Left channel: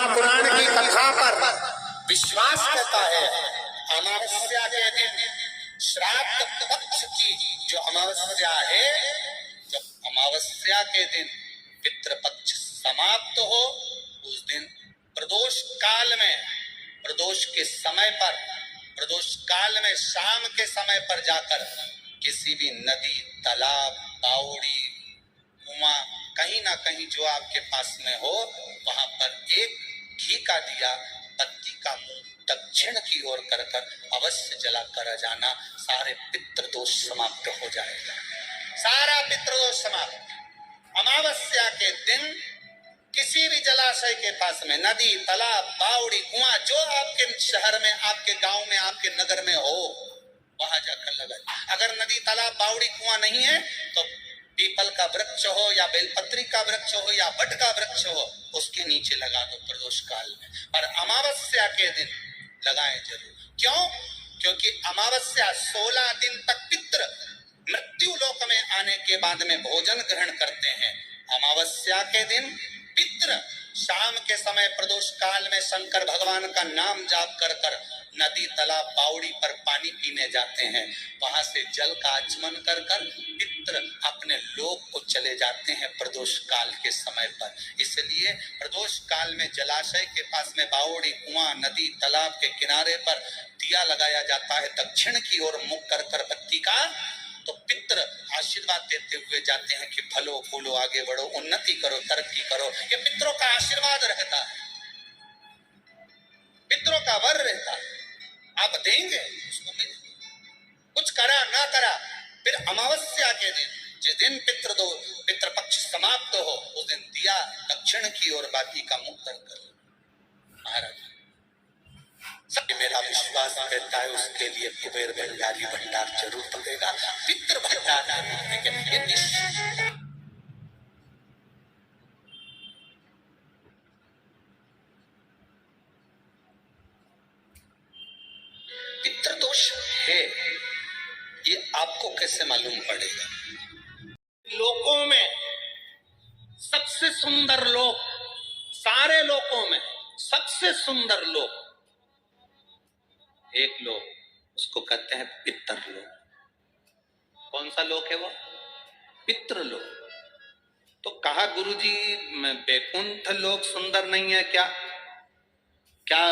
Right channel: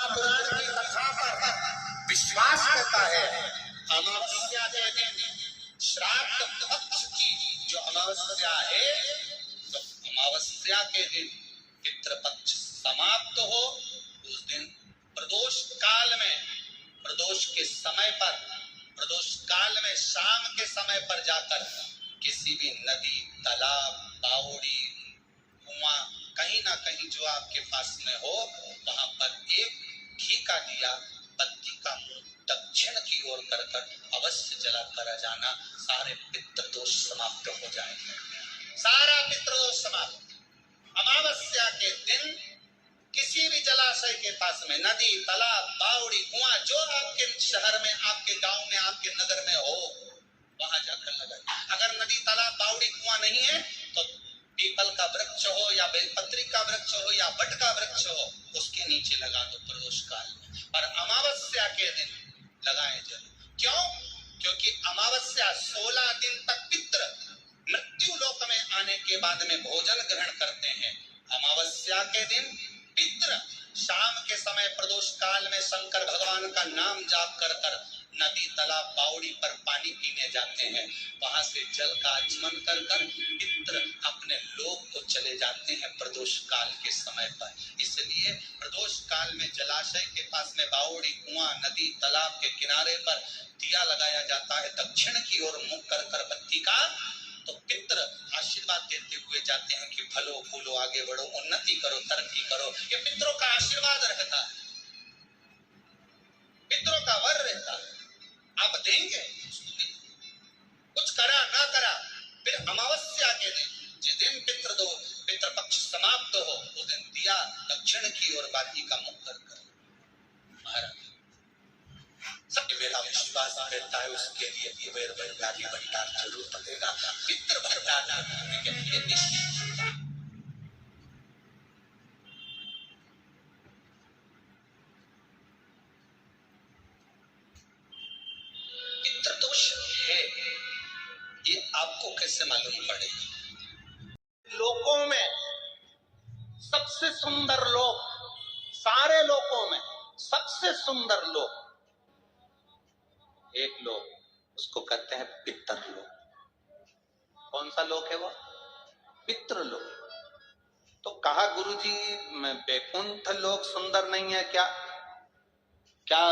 महापुराण की कथा पर विश्वास करता है। अमावस्या के दिन श्राद्ध पक्ष की जो अमावस्या है, जब अमावस्या के दिन पितृपक्ष समाप्त हो, उस दिन प्रदोष काल में, प्रदोष के समय पर, प्रदोष काल में शाम के समय पर जाकर किसी भी नदी, तालाब, बावड़ी, कुआं, कहीं ना कहीं जो आपके पास में हो, वहां पर एक घी का दिया बत्ती का मुंह दक्षिण की ओर कर अवश्य जला कर जाना। सारे पितृदोष समाप्त हो जाएगा, सारा पितृदोष समाप्त। अमावस्या के दिन किसी भी जलाशय के पास में, नदी, तालाब, बावड़ी, कुआं, जो आपके शहर में, आपके गांव में, आपके नगर में हो, वहां जाकर लगाए। अगर नदी, तालाब, बावड़ी, कुआं नहीं है तो पीपल का वृक्ष हो या बेलपत्री का वृक्ष हो या वट का वृक्ष हो, उसके नीचे लगा दो प्रदोष काल में। पर अमावस्या के दिन लगाएं जरूर। क्यों? क्योंकि अमावस्या 16 दिन तक पितृ मृत्यु लोक में आने के बाद में भोजन ग्रहण करते हैं। अमावस्या के दिन पितृ शाम के समय प्रदोष काल में शंकर भगवान का नाम जाप कर नदी, तालाब, बावड़ी पर पानी पीने जाते हैं। वहां से जल का आचमन कर पितृ अपने लोक को चले जाते हैं प्रदोष काल के समय पर। इसलिए प्रदोष काल में जलाशय के पास में, बावड़ी, कुआं, नदी, तालाब के किनारे पर दिया लगाया जाता है दक्षिण की ओर मुख कर बत्ती का, तो पितृ आशीर्वाद देते हुए जाते हैं कि फलो फूलो, आगे बढ़ो, उन्नति करो, तरक्की करो। ये पितरों का आशीर्वाद रहता है, पितरों का वर रहता है। आप देंगे उसको मिलेगा। कुछ करा ना करा, फिर अमावस्या के दिन, जिस दिन पितृपक्ष समाप्त हो, उस दिन दिया दक्षिण की ओर बाती का मुख कर महाराज सब मेरा विश्वास रहता है, उसके लिए कुबेर भंडारी भंडार जरूर बनेगा। पितृ भंडार पितृदोष है, ये आपको कैसे मालूम पड़ेगा? लोकों में सबसे सुंदर लोक, सारे लोकों में सबसे सुंदर लोक एक लोक, उसको कहते हैं पितरलोक। कौन सा लोक है वो? पितृलोक। तो कहा गुरुजी वैकुंठ लोक सुंदर नहीं है क्या? क्या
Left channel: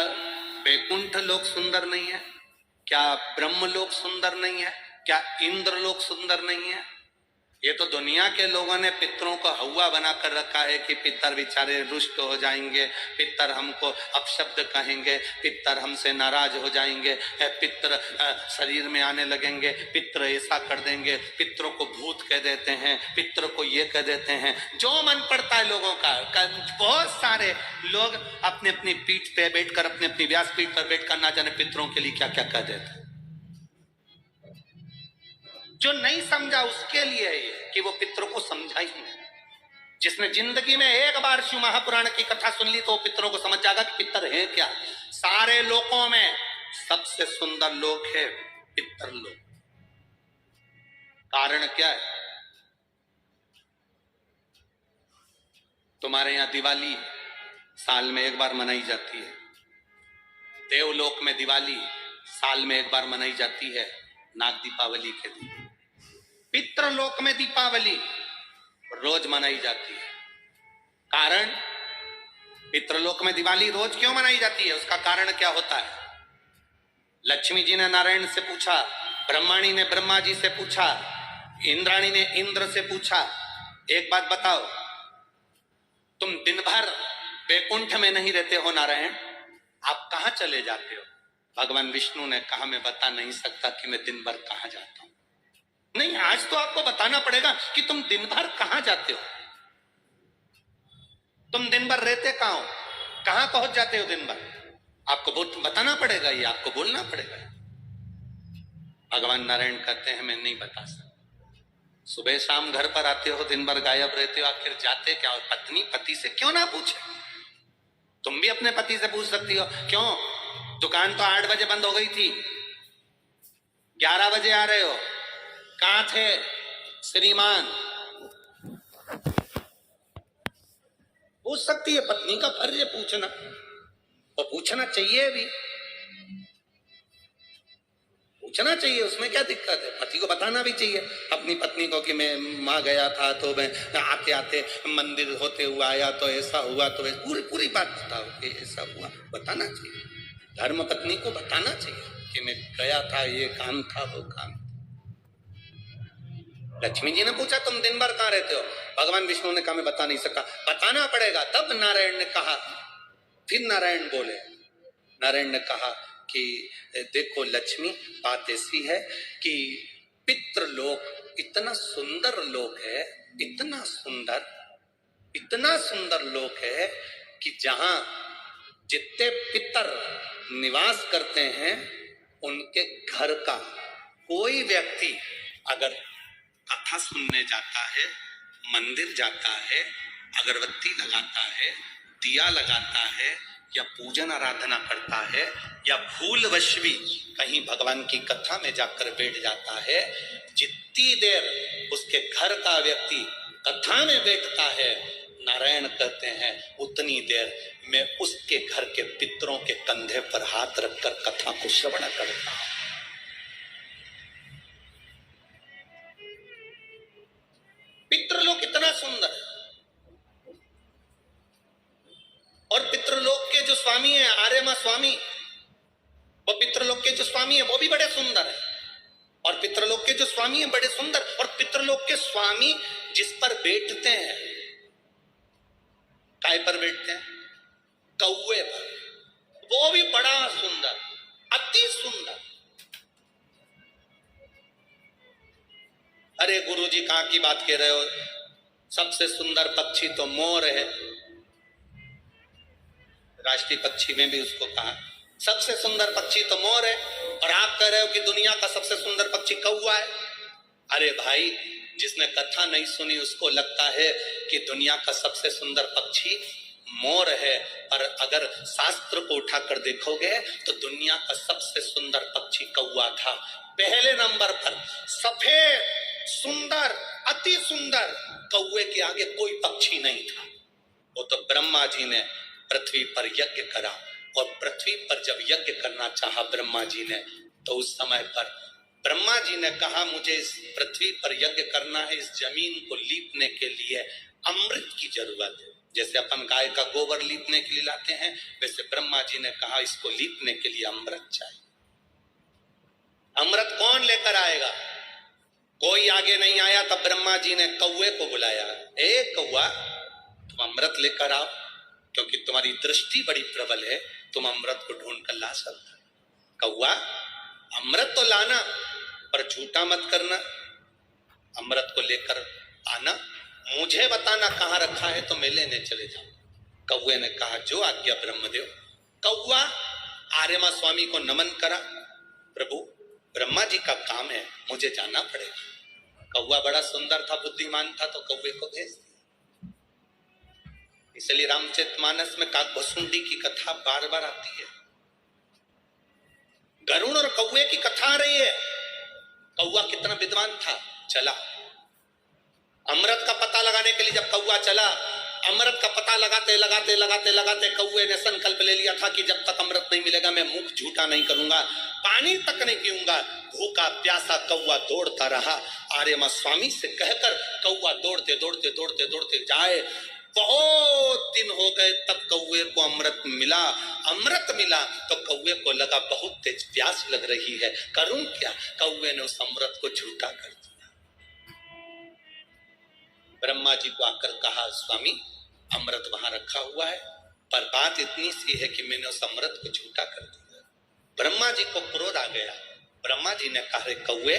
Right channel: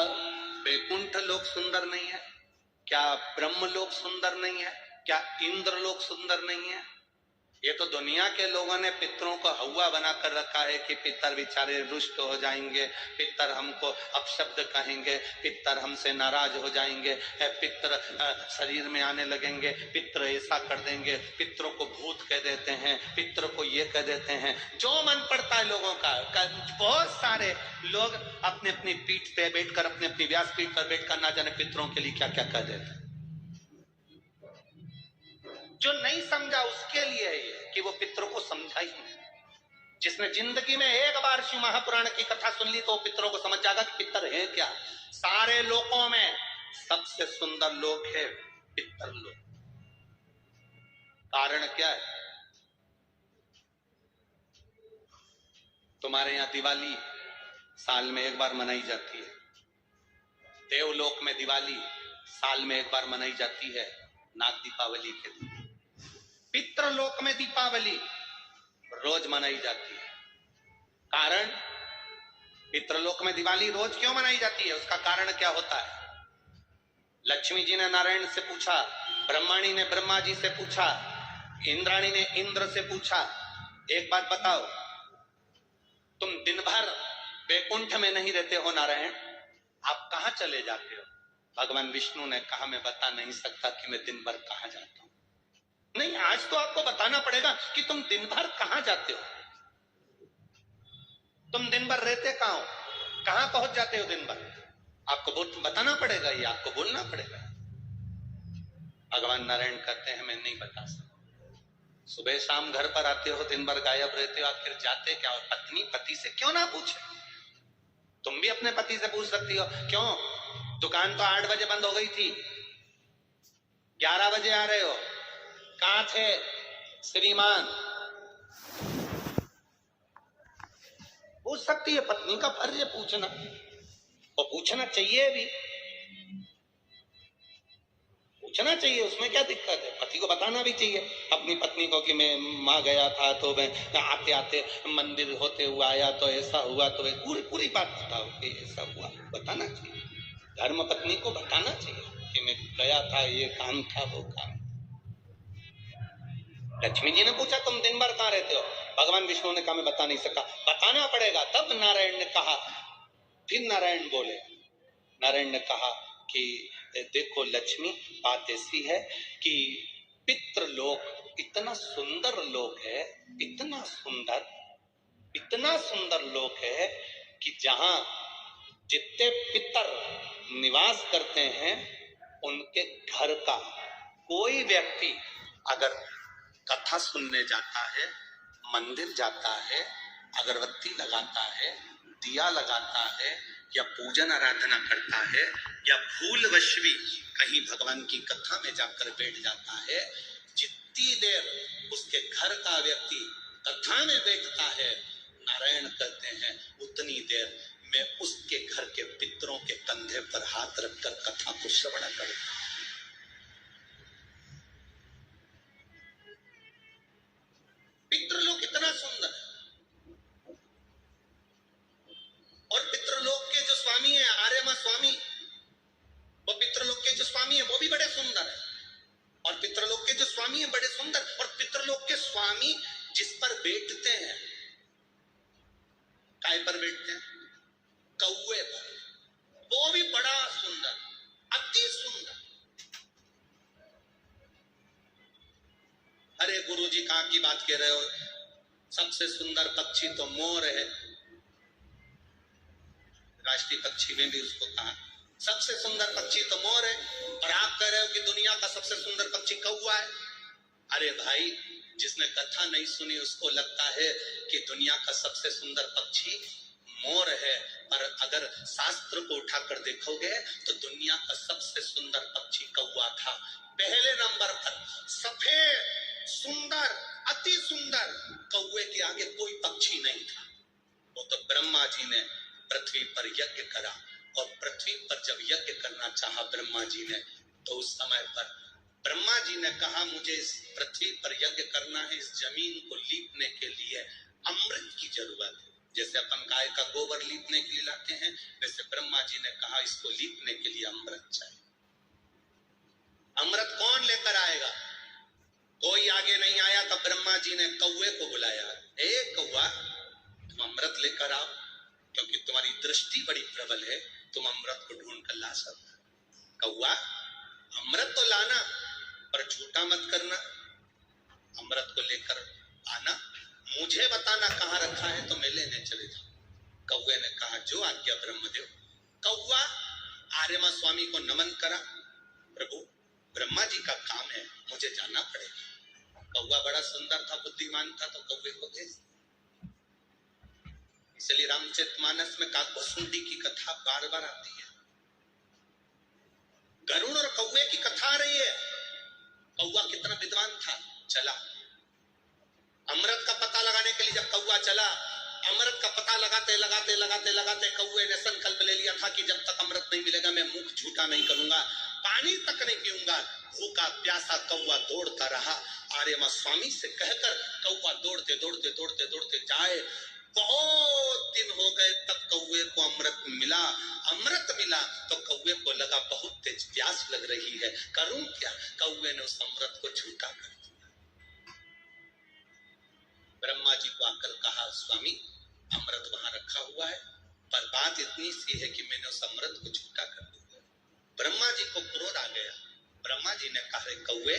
वैकुंठ लोक सुंदर नहीं है? क्या ब्रह्म लोक सुंदर नहीं है? क्या इंद्र लोक सुंदर नहीं है? ये तो दुनिया के लोगों ने पितरों को हवा बनाकर रखा है कि पितर बेचारे रुष्ट हो जाएंगे, पितर हमको अपशब्द कहेंगे, पितर हमसे नाराज हो जाएंगे, पितर शरीर में आने लगेंगे, पितर ऐसा कर देंगे, पितरों को भूत कह देते हैं, पितरों को ये कह देते हैं, जो मन पड़ता है लोगों का। बहुत सारे लोग अपनी अपनी पीठ पे बैठकर, अपनी अपनी व्यास पीठ पर बैठकर ना जाने पितरों के लिए क्या क्या कह देते हैं। जो नहीं समझा उसके लिए है कि वो पितरों को समझा ही नहीं। जिसने जिंदगी में एक बार शिव महापुराण की कथा सुन ली तो पितरों को समझ जाएगा कि पितर है क्या। सारे लोकों में सबसे सुंदर लोक है पितरलोक। कारण क्या है? तुम्हारे यहां दिवाली साल में एक बार मनाई जाती है, देवलोक में दिवाली साल में एक बार मनाई जाती है, नाग दीपावली के दिन। पितृलोक में दीपावली रोज मनाई जाती है। कारण, पितृलोक में दिवाली रोज क्यों मनाई जाती है? उसका कारण क्या होता है? लक्ष्मी जी ने नारायण से पूछा, ब्रह्माणी ने ब्रह्मा जी से पूछा, इंद्राणी ने इंद्र से पूछा, एक बात बताओ, तुम दिन भर वैकुंठ में नहीं रहते हो नारायण, आप कहां चले जाते हो? भगवान विष्णु ने कहा, मैं बता नहीं सकता कि मैं दिन भर कहां जाता हूं। नहीं, आज तो आपको बताना पड़ेगा कि तुम दिन भर कहां जाते हो, तुम दिन भर रहते कहां हो, कहां पहुंच जाते हो दिन भर। आपको बताना पड़ेगा, ये आपको बोलना पड़ेगा। भगवान नारायण कहते हैं, मैं नहीं बता सकता। सुबह शाम घर पर आते हो, दिन भर गायब रहते हो, आखिर जाते क्या हो? पत्नी पति से क्यों ना पूछे? तुम भी अपने पति से पूछ सकती हो। क्यों? दुकान तो 8 बजे बंद हो गई थी, 11 बजे आ रहे हो, कहां थे श्रीमान? पूछ सकती है, पत्नी का फर्ज है पूछना, और पूछना चाहिए भी, पूछना चाहिए, उसमें क्या दिक्कत है। पति को बताना भी चाहिए अपनी पत्नी को कि मैं वहां गया था तो मैं आते आते मंदिर होते हुआ आया तो ऐसा हुआ, तो पूरी पूरी बात बताओ कि ऐसा हुआ, बताना चाहिए। धर्म पत्नी को बताना चाहिए कि मैं गया था, ये काम था, वो काम। लक्ष्मी जी ने पूछा तुम दिन भर कहाँ रहते हो? भगवान विष्णु ने कहा मैं बता नहीं सका। बताना पड़ेगा। तब नारायण ने कहा, फिर नारायण बोले, नारायण ने कहा कि देखो लक्ष्मी, बात ऐसी है कि पितृलोक इतना सुंदर लोक है, इतना सुंदर लोक है कि जहां जितने पितर निवास करते हैं उनके घर का कोई व्यक्ति अगर कथा सुनने जाता है, मंदिर जाता है, अगरबत्ती लगाता है, दिया लगाता है, या पूजन आराधना करता है, या भूलवश भी कहीं भगवान की कथा में जाकर बैठ जाता है, जितनी देर उसके घर का व्यक्ति कथा में बैठता है, नारायण कहते हैं उतनी देर मैं उसके घर के पितरों के कंधे पर हाथ रखकर कथा को श्रवण करता हूं। पितृलोक इतना सुंदर है, और पितृलोक के जो स्वामी है आर्यमा स्वामी, वो पितृलोक के जो स्वामी है वो भी बड़े सुंदर है, और पितृलोक के जो स्वामी है बड़े सुंदर, और पितृलोक के स्वामी जिस पर बैठते हैं, काय पर बैठते हैं? कौवे पर, वो भी बड़ा सुंदर, अति सुंदर। अरे गुरुजी कहां की बात कह रहे हो? सबसे सुंदर पक्षी तो मोर है, राष्ट्रीय पक्षी में भी उसको कहा सबसे सुंदर पक्षी तो मोर है, और आप कह रहे हो कि दुनिया का सबसे सुंदर पक्षी कौवा है। अरे भाई, जिसने कथा नहीं सुनी उसको लगता है कि दुनिया का सबसे सुंदर पक्षी मोर है, पर अगर शास्त्र को उठाकर देखोगे तो दुनिया का सबसे सुंदर पक्षी कौवा था। पहले नंबर पर सफेद सुंदर, अति सुंदर, कौवे के आगे कोई पक्षी नहीं था। वो तो ब्रह्मा जी ने पृथ्वी पर यज्ञ करा, और पृथ्वी पर जब यज्ञ करना चाहा ब्रह्मा जी ने, तो उस समय पर ब्रह्मा जी ने कहा मुझे इस पृथ्वी पर यज्ञ करना है, इस जमीन को लीपने के लिए अमृत की जरूरत है। जैसे अपन गाय का गोबर लीपने के लिए लाते हैं, वैसे ब्रह्मा जी ने कहा इसको लीपने के लिए अमृत चाहिए। अमृत कौन लेकर आएगा? कोई आगे नहीं आया, तब ब्रह्मा जी ने कौवे को बुलाया, ए कौवा तुम अमृत लेकर आओ, क्योंकि तुम्हारी दृष्टि बड़ी प्रबल है, तुम अमृत को ढूंढ कर ला सकते। कौवा अमृत तो लाना, पर झूठा मत करना, अमृत को लेकर आना, मुझे बताना कहां रखा है तो मैं लेने चले जाऊं। कौवे ने कहा जो आज्ञा ब्रह्मदेव। कौवा आर्यमा स्वामी को नमन करा, प्रभु ब्रह्मा जी का काम है, मुझे जाना पड़ेगा। कौवा बड़ा सुंदर था, बुद्धिमान था, तो कौवे को भेज दिया। इसलिए रामचरितमानस में काकभुसुंडी की कथा बार बार आती है। गरुड़ और कौवे की कथा आ रही है। कौवा कितना विद्वान था, चला अमृत का पता लगाने के लिए। जब कौवा चला, अमृत का पता लगाते लगाते लगाते लगाते कौवे ने संकल्प ले लिया था कि जब तक अमृत नहीं मिलेगा मैं मुख झूठा नहीं करूंगा, पानी तक नहीं पीऊंगा। भूखा प्यासा कौवा दौड़ता रहा। आर्यमा स्वामी से कहकर कौवा दौड़ते दौड़ते दौड़ते दौड़ते जाए। बहुत दिन हो गए तब कौवे को अमृत मिला। अमृत मिला तो कौवे को लगा बहुत तेज प्यास लग रही है, करूं क्या? कौवे ने उस अमृत को झूठा कर दिया। ब्रह्मा जी को आकर कहा स्वामी अमृत वहां रखा हुआ है, पर बात इतनी सी है कि मैंने उस अमृत को झूठा कर दिया। ब्रह्मा जी को क्रोध आ गया। ब्रह्मा जी ने कहा कौवे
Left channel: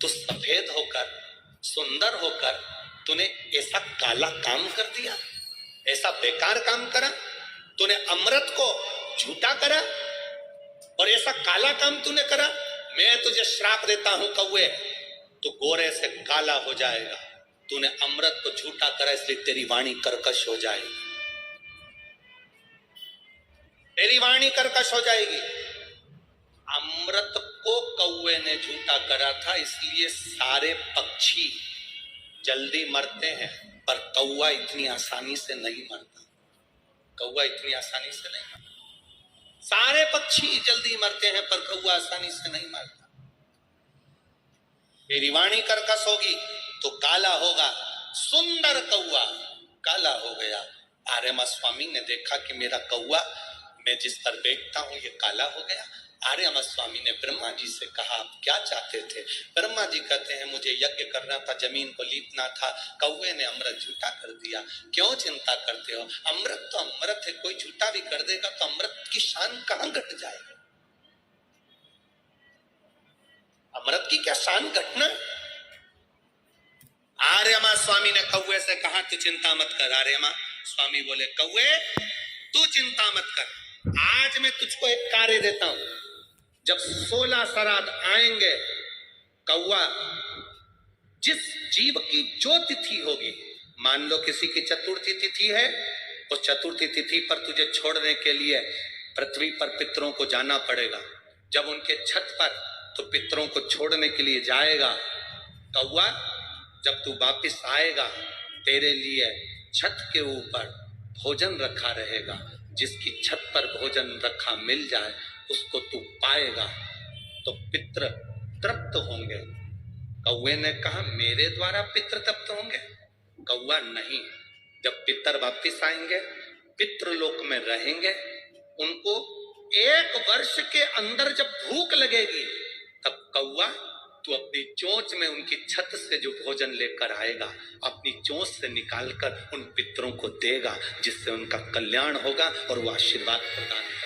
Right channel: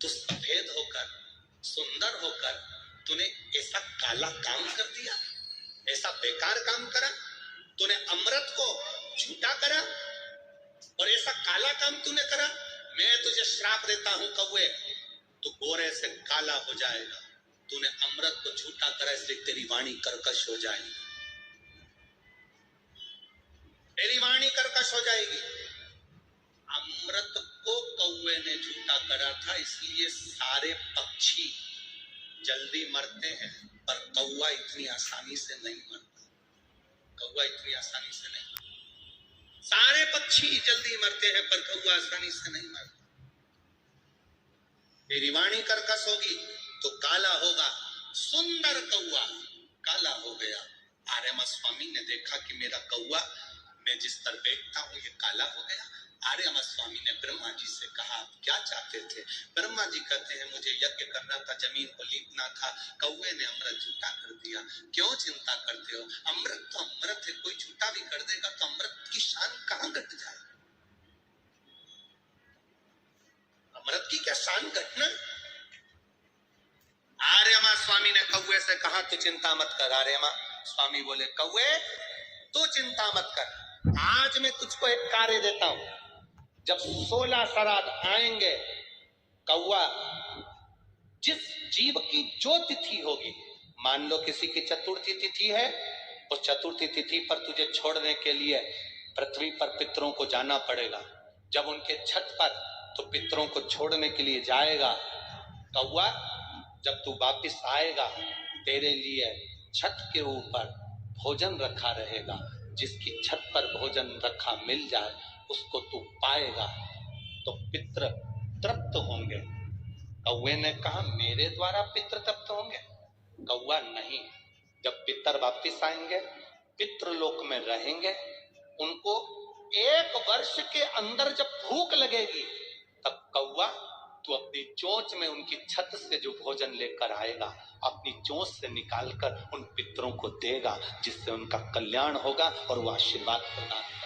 तू सफेद होकर सुंदर होकर तूने ऐसा काला काम कर दिया, ऐसा बेकार काम करा, तूने अमृत को झूठा करा और ऐसा काला काम तूने करा। मैं तुझे श्राप देता हूं कौवे, तू गोरे से काला हो जाएगा। तूने अमृत को झूठा करा इसलिए तेरी वाणी कर्कश हो जाएगी, तेरी वाणी कर्कश हो जाएगी। अमृत को कौवे ने झूठा करा था, इसलिए सारे पक्षी जल्दी मरते हैं, पर कौवा इतनी आसानी से नहीं मरता। कौवा इतनी आसानी से नहीं मरता। सारे पक्षी जल्दी मरते हैं पर कौवा आसानी से नहीं मरता। मेरी वाणी कर्कश होगी तो काला होगा। सुंदर कौवा काला हो गया। आर्यमा स्वामी ने देखा कि मेरा कौवा मैं जिस पर बैठता हूं ये काला हो गया। आर्यमा स्वामी ने ब्रह्मा जी से कहा आप क्या चाहते थे? ब्रह्मा जी कहते हैं मुझे यज्ञ करना था, जमीन को लीपना था, कौवे ने अमृत झूठा कर दिया। क्यों चिंता करते हो? अमृत तो अमृत है, कोई झूठा भी कर देगा तो अमृत की शान कहां घट जाएगी? अमृत की क्या शान घटना? आर्यमा स्वामी ने कौवे से कहा तू चिंता मत कर। आर्यमा स्वामी बोले कौवे तू चिंता मत कर, आज मैं तुझको एक कार्य देता हूं। जब 16 श्राद्ध आएंगे, कौवा जिस जीव की जो तिथि होगी, मान लो किसी की चतुर्थी तिथि है, उस चतुर्थी तिथि पर तुझे छोड़ने के लिए पृथ्वी पर पितरों को जाना पड़ेगा। जब उनके छत पर तो पितरों को छोड़ने के लिए जाएगा, कौवा जब तू वापिस आएगा तेरे लिए छत के ऊपर भोजन रखा रहेगा। जिसकी छत पर भोजन रखा मिल जाए उसको तू पाएगा तो पितृ तृप्त होंगे। कौवे ने कहा मेरे द्वारा पितृ तृप्त होंगे? कौवा नहीं, जब पितर वापिस आएंगे, पितृलोक में रहेंगे, उनको 1 वर्ष के अंदर जब भूख लगेगी तब कौवा तू अपनी चोंच में उनकी छत से जो भोजन लेकर आएगा, अपनी चोंच से निकालकर उन पितरों को देगा, जिससे उनका कल्याण होगा और वो आशीर्वाद प्रदान